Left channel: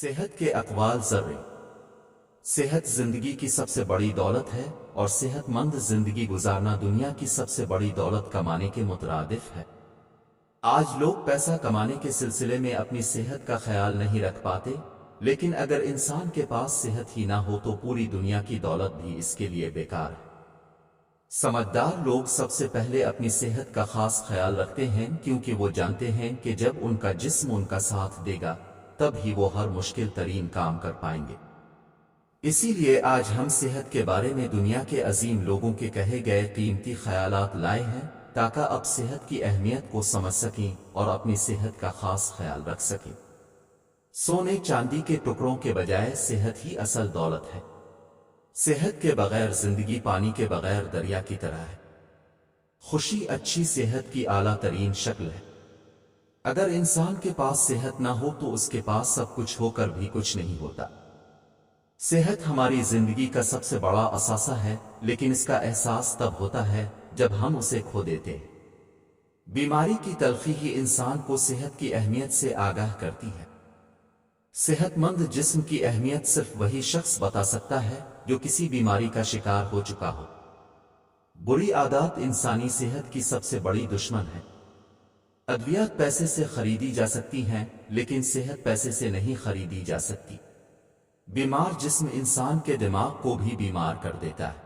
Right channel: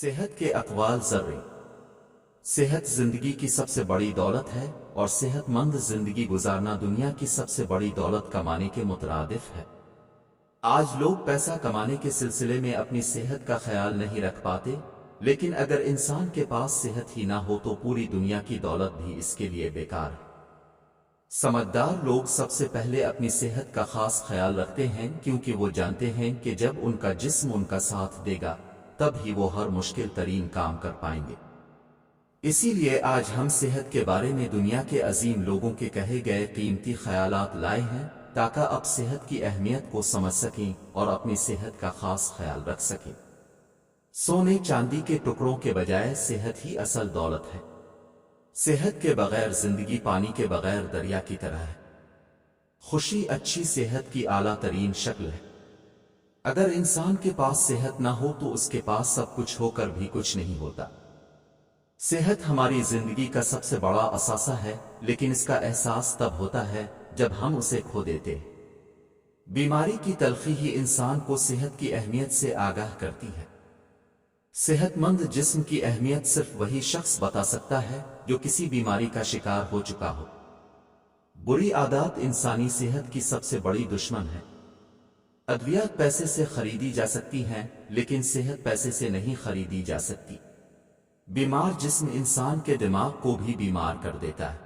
صحت کے اقوال ذرے۔ صحت زندگی کی سب سے بڑی دولت ہے اور صحت مند زندگی گزارنا دنیا کی سب سے بڑی دولت کمانے کے مترادف ہے۔ آج لوگ پیسہ کمانے کے سلسلے میں اپنی صحت کا خیال نہیں رکھ پاتے، لیکن اگر انسان کے پاس صحت ہی نہ ہو تو پوری دنیا کی دولت بھی اس کے لیے بیکار ہے۔ سمجھدار لوگ سب سے پہلے اپنی صحت کا خاص خیال رکھتے ہیں، کیونکہ وہ جانتے ہیں کہ جب ان کا جسم ان کا ساتھ دے گا تب ہی وہ ہر مشکل ترین کام کر پائیں گے۔ اسی لیے آج ہم صحت کے بارے میں دنیا کے عظیم لوگوں کے کہے گئے قیمتی خیالات لائے ہیں تاکہ آپ صحت کی اہمیت کو سمجھ سکیں اور اپنی صحت کا خاص خیال رکھ سکیں۔ سونے چاندی کے ٹکڑوں کے بجائے صحت ہی اصل دولت ہے۔ صحت کے بغیر زندگی پانی کے بغیر دریا کی طرح ہے۔ خوشی اچھی صحت کی اعلیٰ ترین شکل ہے۔ اگر انسان کے پاس صحت نہ ہو تو اس کے پاس سب کچھ ہو کر بھی کچھ نہیں ہوتا۔ صحت ہماری زندگی کا سب سے بڑا اثاثہ ہے، لیکن اس کا احساس تب ہوتا ہے جب ہم اسے کھو دیتے ہیں۔ بیماری کی تلخی ہی انسان کو صحت کی اہمیت سے آگاہ کرتی ہے۔ صحت مند جسم کی اہمیت صرف وہی شخص بتا سکتا ہے جو کسی بیماری کا شکار ہو چکا ہو۔ بری عادات انسانی صحت کی سب سے بڑی دشمن ہے۔ ادویات پیسے سے خریدی جا سکتی ہیں، لیکن صحت پیسے سے نہیں خریدی جا سکتی۔ بیمار جسم انسان کے دماغ کو بھی بیمار کر دیتا ہے۔